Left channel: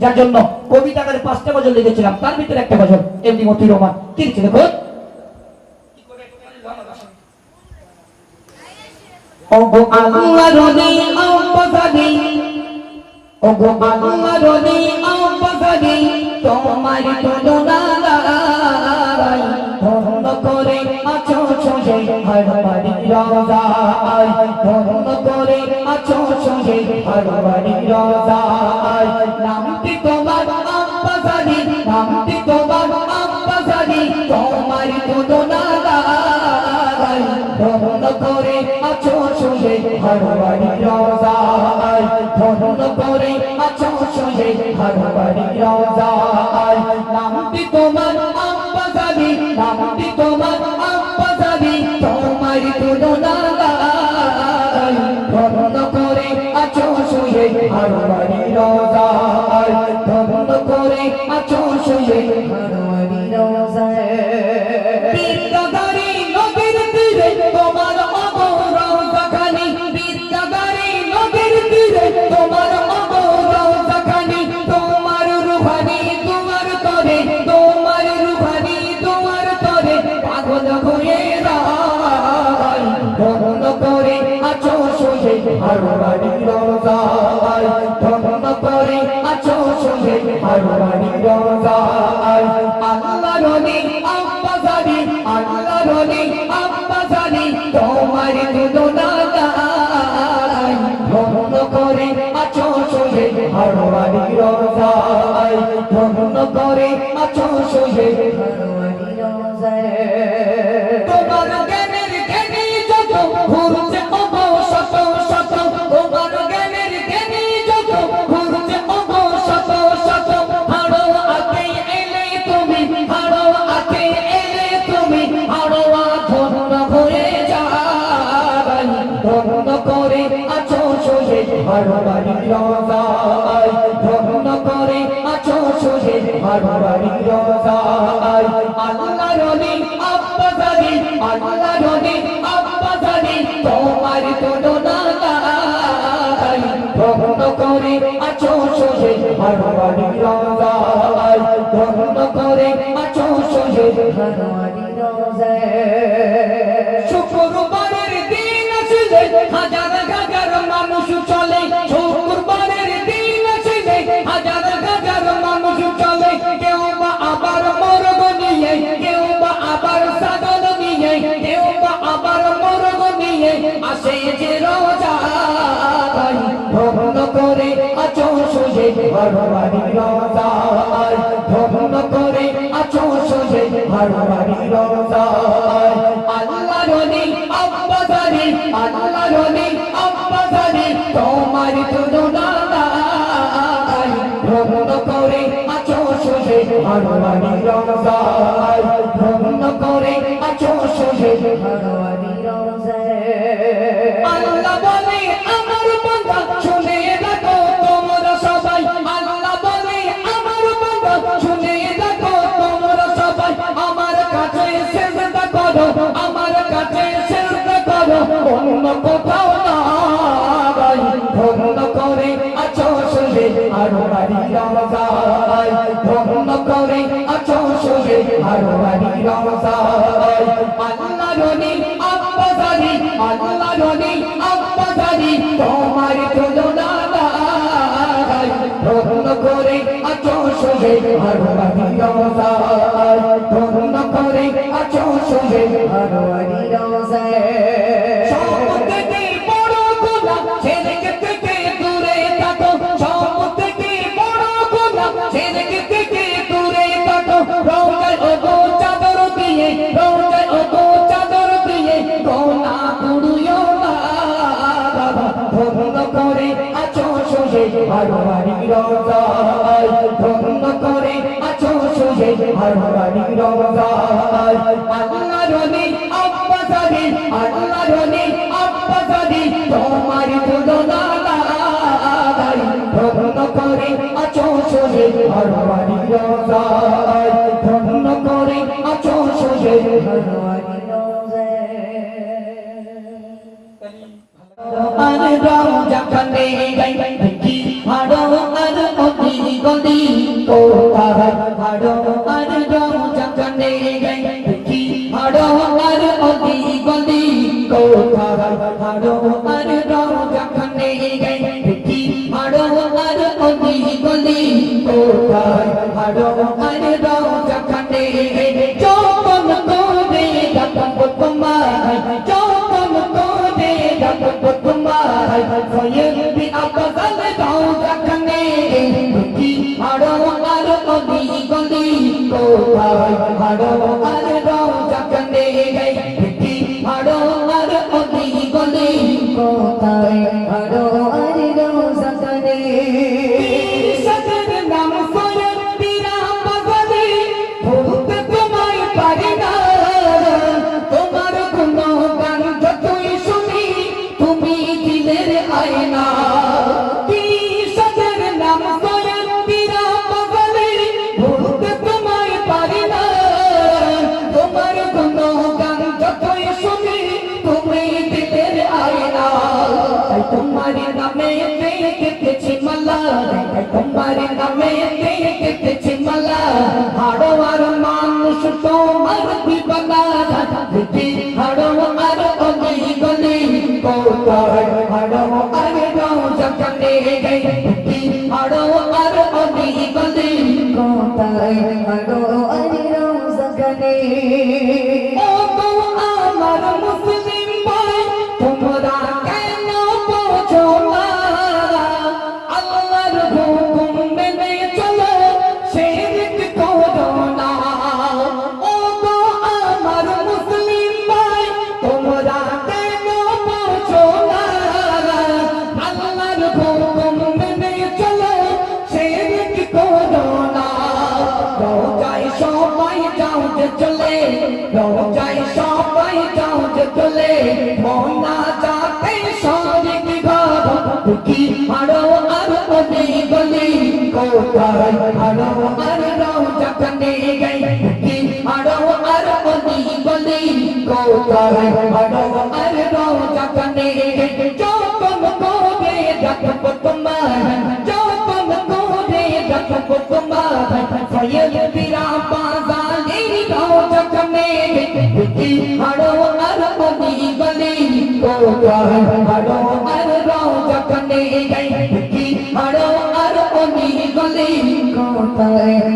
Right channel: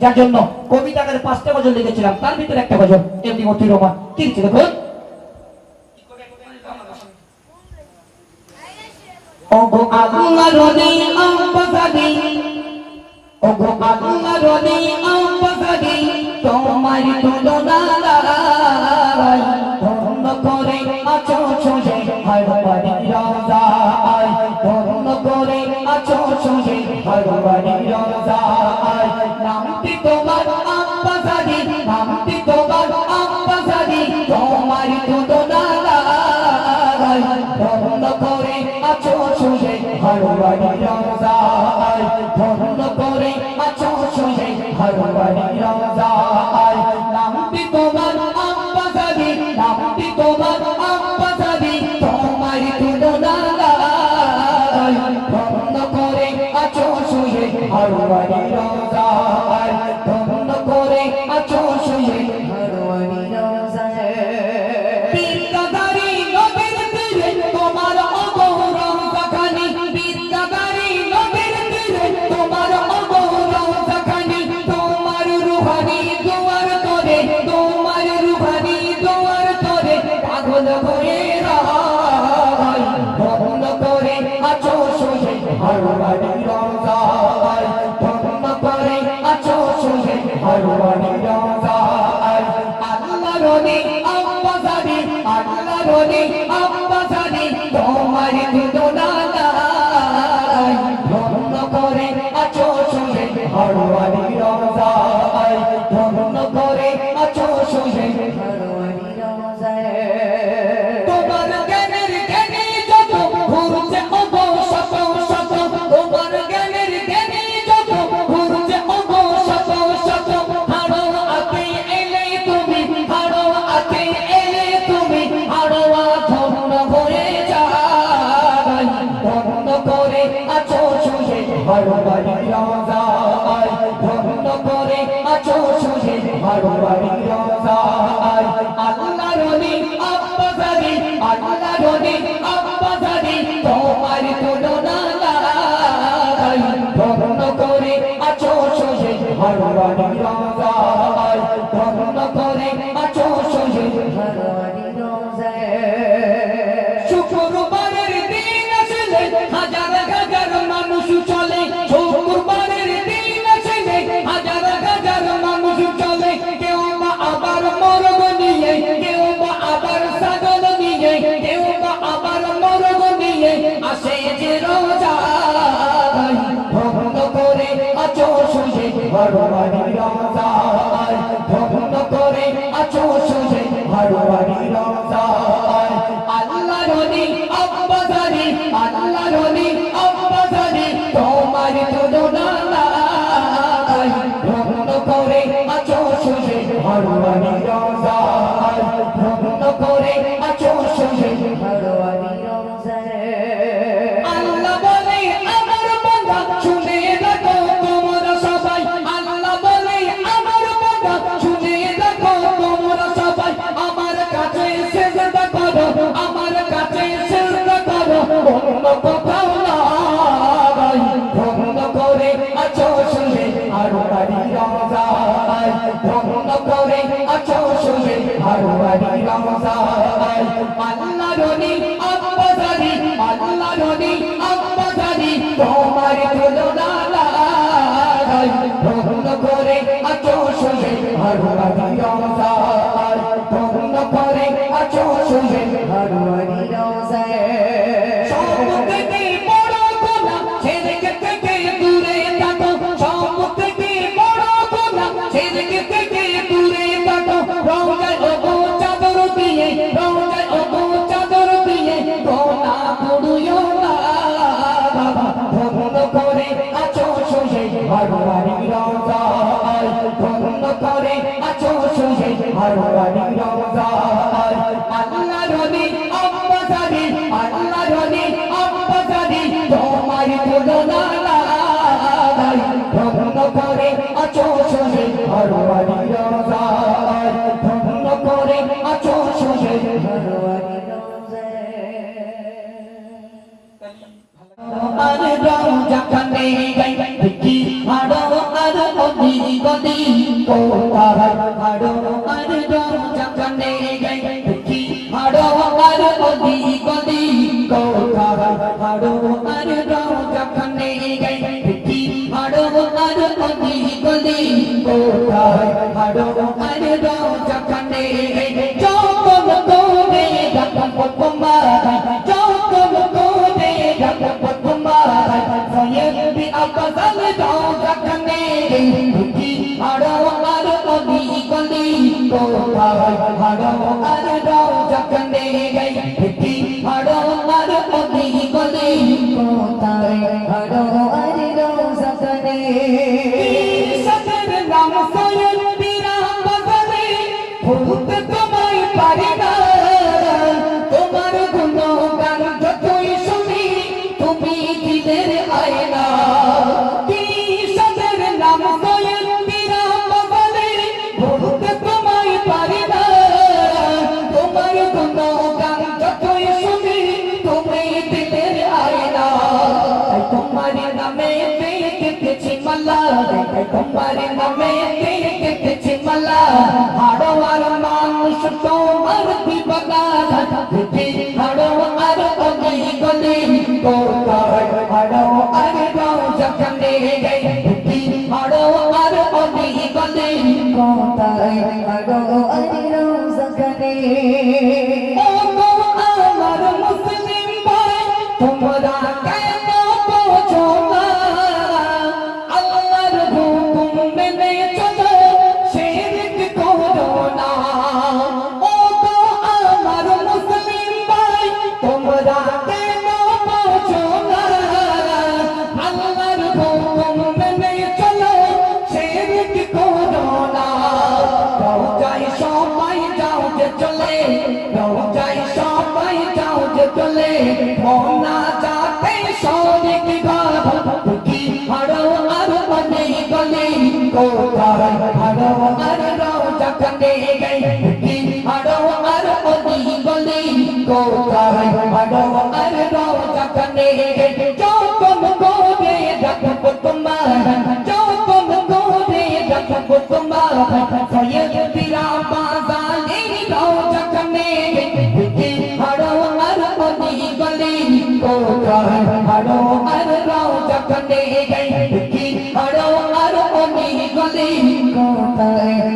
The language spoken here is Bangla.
যার জন্য কবিতাকারে 5টা গজল লিখেছিলাম, তার ভিতরে একটা গজল এমনি মতিউর রহমান কি লিখছে দেখুন। ওগো আল্লাহ রনি আম্বাজানি, ওগো আল্লাহ রনি আম্বাজানি, তোমার তুলনা নাই, ধন্য করে আছো ছুঁয়ে হারবাড়ি রোজায়, ধন্য করে আছো ছুঁয়ে হারবাড়ি রোজায়, নামটি তোমার আম্বাজানি, নামটি তোমার আম্বাজানি, তোমার তুলনা নাই, ধন্য করে আছো ছুঁয়ে হারবাড়ি রোজায়, ধন্য করে আছো ছুঁয়ে হারবাড়ি রোজায়, নামটি তোমার আম্বাজানি, নামটি তোমার আম্বাজানি, তোমার তুলনা নাই, ধন্য করে আছো ছুঁয়ে হারবাড়ি রোজায়, ধন্য করে আছো ছুঁয়ে হারবাড়ি রোজায়। বিদ্যাদারি নদীর তীরে তোমার অগৌরবখানি, বিদ্যাদারি নদীর তীরে তোমার অগৌরবখানি, তোমার রুহানি দুয়ার করে, তোমার রুহানি দুয়ার করে পাগল হয়ে রয়, ধন্য করে আছো ছুঁয়ে হারবাড়ি রোজায়, ধন্য করে আছো ছুঁয়ে হারবাড়ি রোজায়। আল্লাহ রনি আম্বাজানি, আল্লাহ রনি আম্বাজানি, তোমার তুলনা নাই, ধন্য করে আছো ছুঁয়ে হারবাড়ি রোজায়, ধন্য করে আছো ছুঁয়ে হারবাড়ি রোজায়। তোমার জ্ঞানের জ্ঞানী যত ঘুরছে ওগো শত শত, তোমার জ্ঞানের জ্ঞানী যত ঘুরছে ওগো শত শত, হাড়ো আতে এলে তুমি, হাড়ো আতে এলে তুমি, হাড়ো ধন্য হয়ে যায়, ধন্য করে আছো ছুঁয়ে হারবাড়ি রোজায়, ধন্য করে আছো ছুঁয়ে হারবাড়ি রোজায়। আল্লাহ রনি আম্বাজানি, আল্লাহ রনি আম্বাজানি, তোমার তুলনা নাই, ধন্য করে আছো ছুঁয়ে হারবাড়ি রোজায়, ধন্য করে আছো ছুঁয়ে হারবাড়ি রোজায়। শুক্রবারের দিন আসলে হাজার হাজার মানুষ চলে, শুক্রবারের দিন আসলে হাজার হাজার মানুষ চলে, কেউ বা আবার মুরগ নিয়ে, কেউ বা আবার ছাগল নিয়ে, কেউ বা আবার মুরগ নিয়ে আসে যে রোজায়, ধন্য করে আছো ছুঁয়ে হারবাড়ি রোজায়, ধন্য করে আছো ছুঁয়ে হারবাড়ি রোজায়। আল্লাহ রনি আম্বাজানি, আল্লাহ রনি আম্বাজানি, তোমার তুলনা নাই, ধন্য করে আছো ছুঁয়ে হারবাড়ি রোজায়, ধন্য করে আছো ছুঁয়ে হারবাড়ি রোজায়। আল্লাহ বলে আমার বান্দা শুনে রাখো তোমরা সবাই, আল্লাহ বলে আমার বান্দা শুনে রাখো তোমরা সবাই, আমার কাছে সিজদা করো, আমার কাছে সিজদা করো, অন্য কোথাও নয়, ধন্য করে আছো ছুঁয়ে হারবাড়ি রোজায়, ধন্য করে আছো ছুঁয়ে হারবাড়ি রোজায়। আল্লাহ রনি আম্বাজানি, আল্লাহ রনি আম্বাজানি, তোমার তুলনা নাই, ধন্য করে আছো ছুঁয়ে হারবাড়ি রোজায়, ধন্য করে আছো ছুঁয়ে হারবাড়ি রোজায়। সব থেকে বড় গুনাহ শিরক থেকে দূরে থাকো, সব থেকে বড় গুনাহ শিরক থেকে দূরে থাকো, রোজায় ওগো চাদর দিয়ে, রোজায় ওগো চাদর দিয়ে গুনাহ করিও না, কোথায় হাড়ো আর যখনে দেখি হাড়ো আর অদি গলি কোথায় হাড়ো আর যখনে দেখি হাড়ো আর অদি গলি কোথায় হাড়ো আর যখনে যখন করে ডাকব তোমায় যখন করে ডাকব তোমায় সৈয়দ আফজাল যখনে দেখি হাড়ো আর অদি গলি কোথায় হাড়ো আর যখনে দেখি হাড়ো আর অদি গলি কোথায় হাড়ো আর যখনে সদর নাম সৈয়দ পীরা বাজারে ভুলতে তোমায় পারি না তোমার গুণগান যতই শুনি তুমি দিলের আয়না কি সদর নাম সৈয়দ পীরা বাজারে ভুলতে তোমায় পারি না তোমার গুণগান যতই শুনি তুমি দিলের আয়না তাই তোমার নামে কেটেছি মালা তোমার নামে কেটেছি মালা হাড়ো আর মানুষ তোমার বিপদা দেখি হাড়ো আর অগি গলি কোথায় হাড়ো আর যখনে দেখি হাড়ো আর অগি গলি কোথায় হাড়ো আর যখনে ও তো আমার মুসলিম ভাই তোমরা কেন বোঝো না আল্লাহর হুকুম মেনে চলো শিরক করো না ও গো আমার মুসলিম ভাই তোমরা কেন বোঝো না আল্লাহর হুকুম মেনে চলো শিরক করো না রওজায় সবাই যাও যে চলে রওজায় সবাই যাও যে চলে মোনা যাতে শরীক গাব দেখি হাড়ো আর অদি গলি কোথায় হাড়ো আর যখনে দেখি হাড়ো আর অদি গলি কোথায় হাড়ো আর যখনে যখন করে ডাকব তোমায় যখন করে ডাকব তোমায় সৈয়দ পীরা বাজারে যখনে দেখি হাড়ো আর অদি গলি কোথায় হাড়ো আর যখনে দেখি হাড়ো আর অদি গলি কোথায়